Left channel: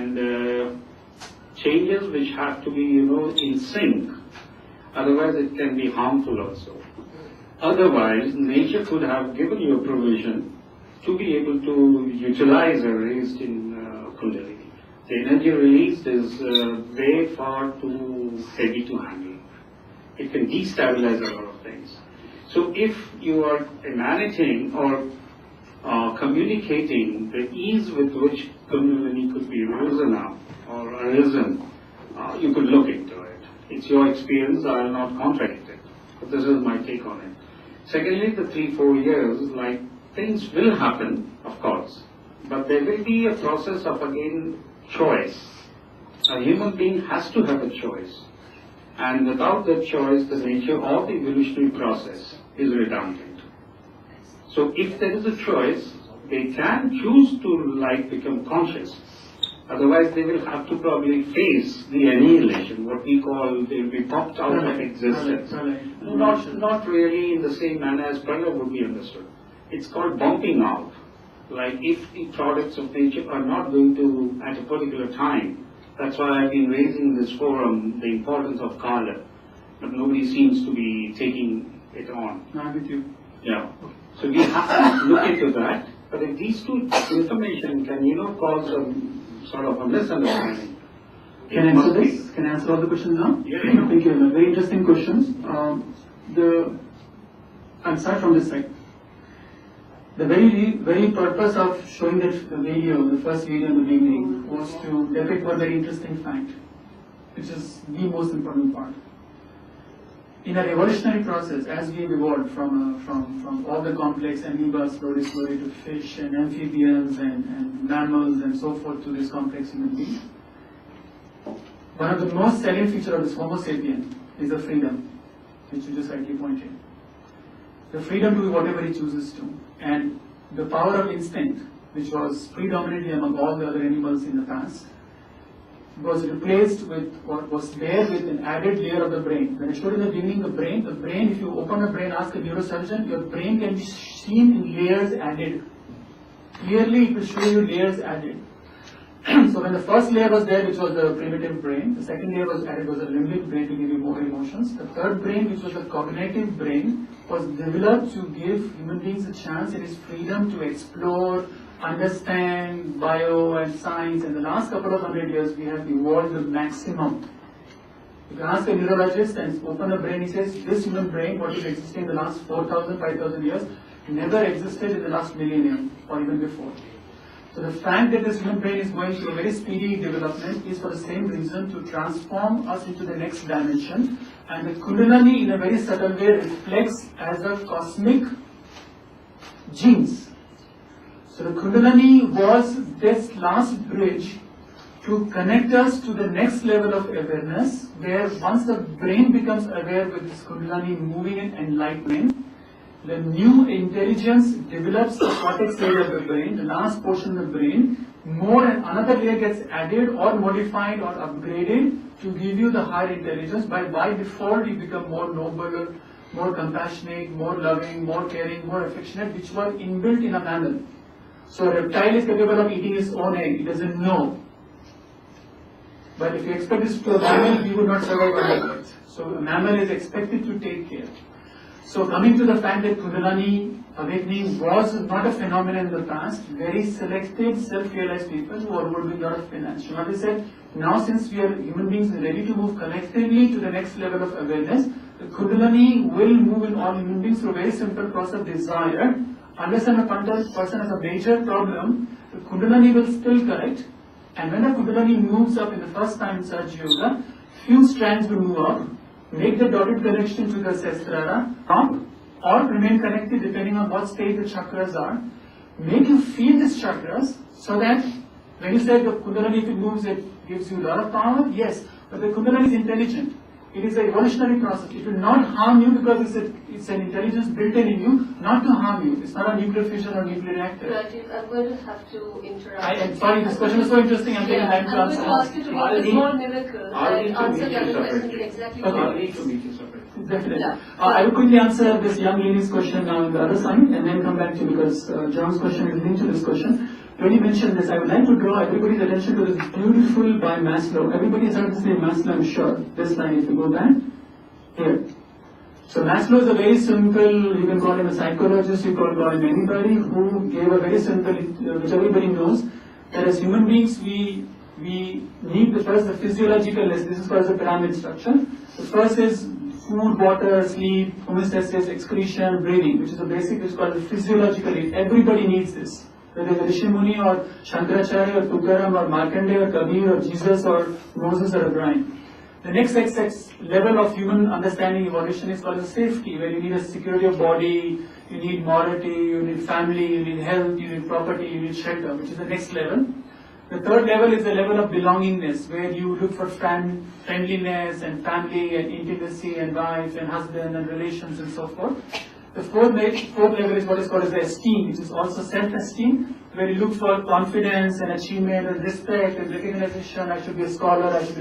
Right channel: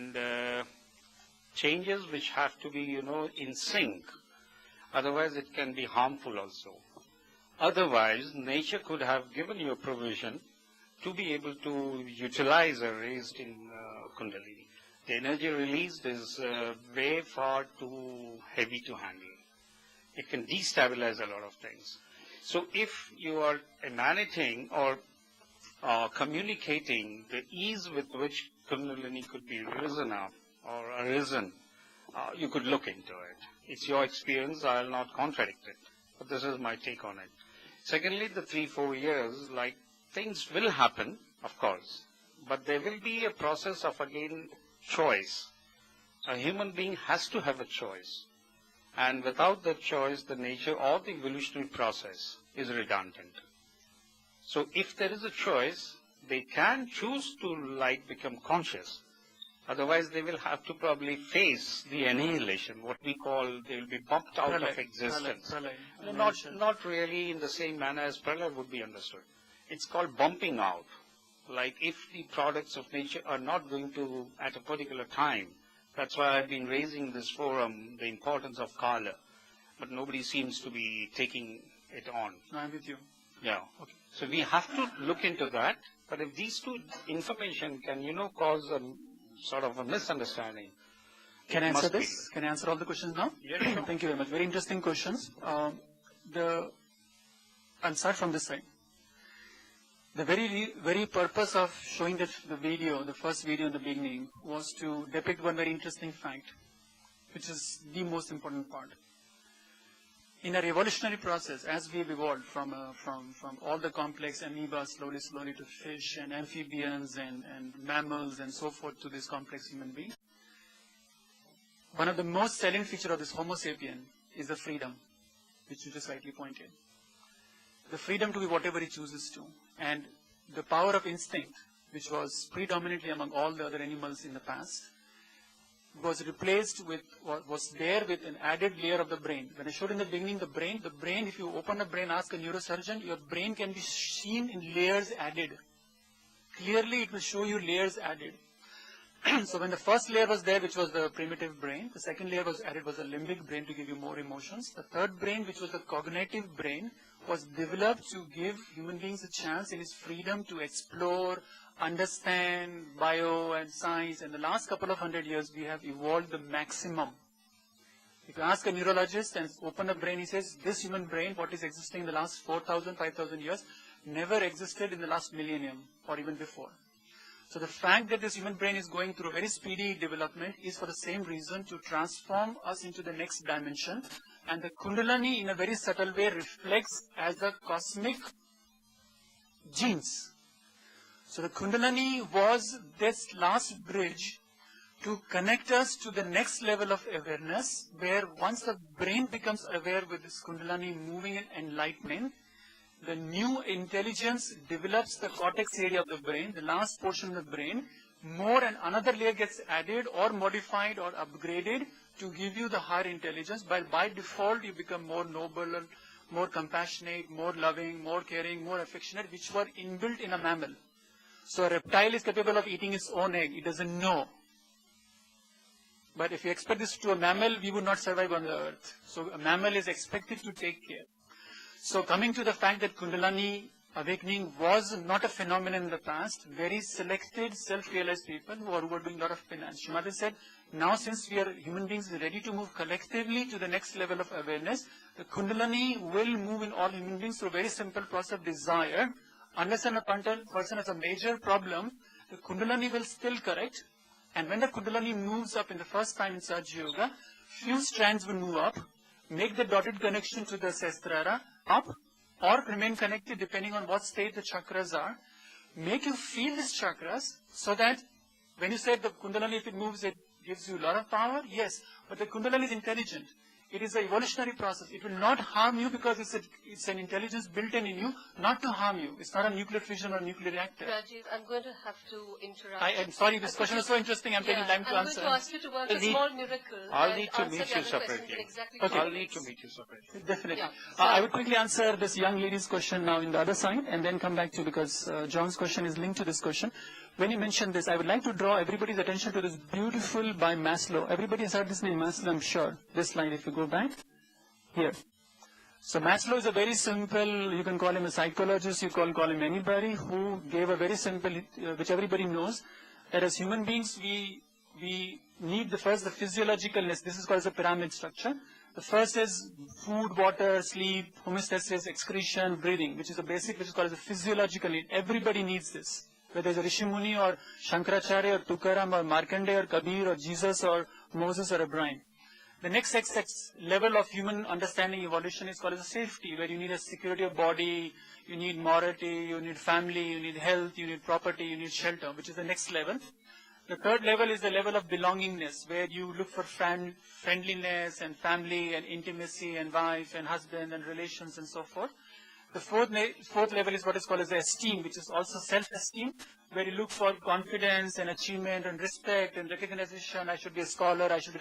and changes which have to be, in sync. Otherwise, it can be harmful also. Otherwise, nature could have given you a provision to be able to utilize a raised in Kundalini. The energy released is way far too heavy to handle. It can destabilize a lot of things. So if you are emanating or communicating the ease with which Kundalini could be risen up or arisen, you could look into it. It's your experience, I will not contradict it. But this is my take on it. Secondly, the 3-4 years, like things will happen, of course, but there will be a process of, again, choice. A human being has to have a choice. And without that choice, the nature of the evolutionary process is redundant. So if there is a choice, they can choose to become conscious. Otherwise, they will have to probably face the annihilation, what we call, they will be popped out of existence. Not really in the same manner as Pralaya would be understood. It's called bumping out. Like if the products of nature are not going to, at a particular time, that's why I've been raising this forum, the importance of Kala, but nobody seems to be taking it on. I'm with you. Yeah. So we have to look into that, but if these two information can, cause a sort of a misunderstanding. Can I answer this? Can I answer all the questions now? Yeah. Thank you very much. Very interesting questions. I'll start from this side. The very purpose of showing the video, the first video in the beginning, was to depict one very interesting fact, which is the most important part. In our evolutionary process, as we have evolved from all the complex amoebas slowly to fish and amphibians and mammals and so forth to this complex human being, one of the most salient features of this Homo sapien is the freedom, which you just rightly pointed. The freedom to do whatever he chooses to. And the power of instinct, which was predominantly among all the other animals in the past, was replaced with what was there with an added layer of the brain. When I showed in the beginning the brain, if you open a brain, ask a neurosurgeon, your brain can be seen in layers added. Clearly it will show you layers added. So when the first layer was there, which was the primitive brain, the second layer was added was the limbic brain to give you more emotions. The third brain, which was the cognitive brain, was developed to give human beings a chance in his freedom to explore, understand bio and science. In the last couple of 100 years, we have evolved the maximum. If you ask a neurologist and open a brain, he says, this human brain, what is existing in the last 4,000, 5,000 years, never existed in the last millennium or even before. So the fact that this human brain is going through a very speedy development is for the same reason, to transform us into the next dimension. And the Kundalini, in a very subtle way, reflects as a cosmic genes. So the Kundalini was this last bridge to connect us to the next level of awareness, where once the brain becomes aware with this Kundalini moving and enlightening, the new intelligence develops the cortex area of the brain, the last portion of the brain, more and another layer gets added or modified or upgraded to give you the higher intelligence. By default, you become more noble, more compassionate, more loving, more caring, more affectionate, which were inbuilt in a mammal. So a reptile is capable of eating its own egg, it doesn't know. But if you expect this to a mammal, we would not survive on the earth. So a mammal is expected to take care. So coming to the fact that Kundalini awakening was not a phenomenon in the past, very selected, self-realized people who are doing a lot of penance. Shumati said, now since we are human beings ready to move collectively to the next level of awareness, the Kundalini will move in all human beings through a very simple process of desire. Understand a person has a major problem, the Kundalini will still correct. And when the Kundalini moves up in the first time in Sahaja Yoga, few strands will move up, make the dotted connection to the Sahasrara, up or remain connected depending on what state the chakras are. Make you feel these chakras so that when you say the Kundalini, if it moves, it gives you a lot of power, yes, but the Kundalini is intelligent. It is an evolutionary process. It will not harm you because it's an intelligence built in you, not to harm you. It's not a nuclear fission or nuclear reactor. Rajiv, I'm going to have to interrupt. I'm sorry, this question is so interesting. I'm taking time to answer. I'm going to ask you to make a small miracle and answer the separately. question in exactly I'll 2 need minutes. to meet you separately. Definitely. Yeah. I will quickly answer this young lady's question now on the other side and then come back to, because John's question is linked to this question. when you mentioned this, I would like to draw everybody's attention to this beautiful by Maslow. Everybody has heard this name, Maslow, I'm sure. This line, if you go back, here. So Maslow is a very simple, you can call him a psychologist, you can call him anybody, who gave a very simple, which everybody knows, that as human beings, we need the physiological, this is called the pyramid structure. The first is food, water, sleep, homeostasis, excretion, breathing, which is the basic, which is called the physiological need. Everybody needs this. Whether it's Rishi Muni or Shankaracharya or Tukaram or Markandeya or Kabir or Jesus or Moses or Abraham. The next level of human understanding evolution is called the safety, where you need a security of body, you need morality, you need family, you need health, you need property, you need shelter, which is the next level. The third level is the level of belongingness, where you look for friendliness and family and intimacy and wife and husband and relations and so forth. The fourth level is what is called as the esteem, which is also self-esteem, where you look for confidence and achievement and respect and recognition. I should be a scholar, I should be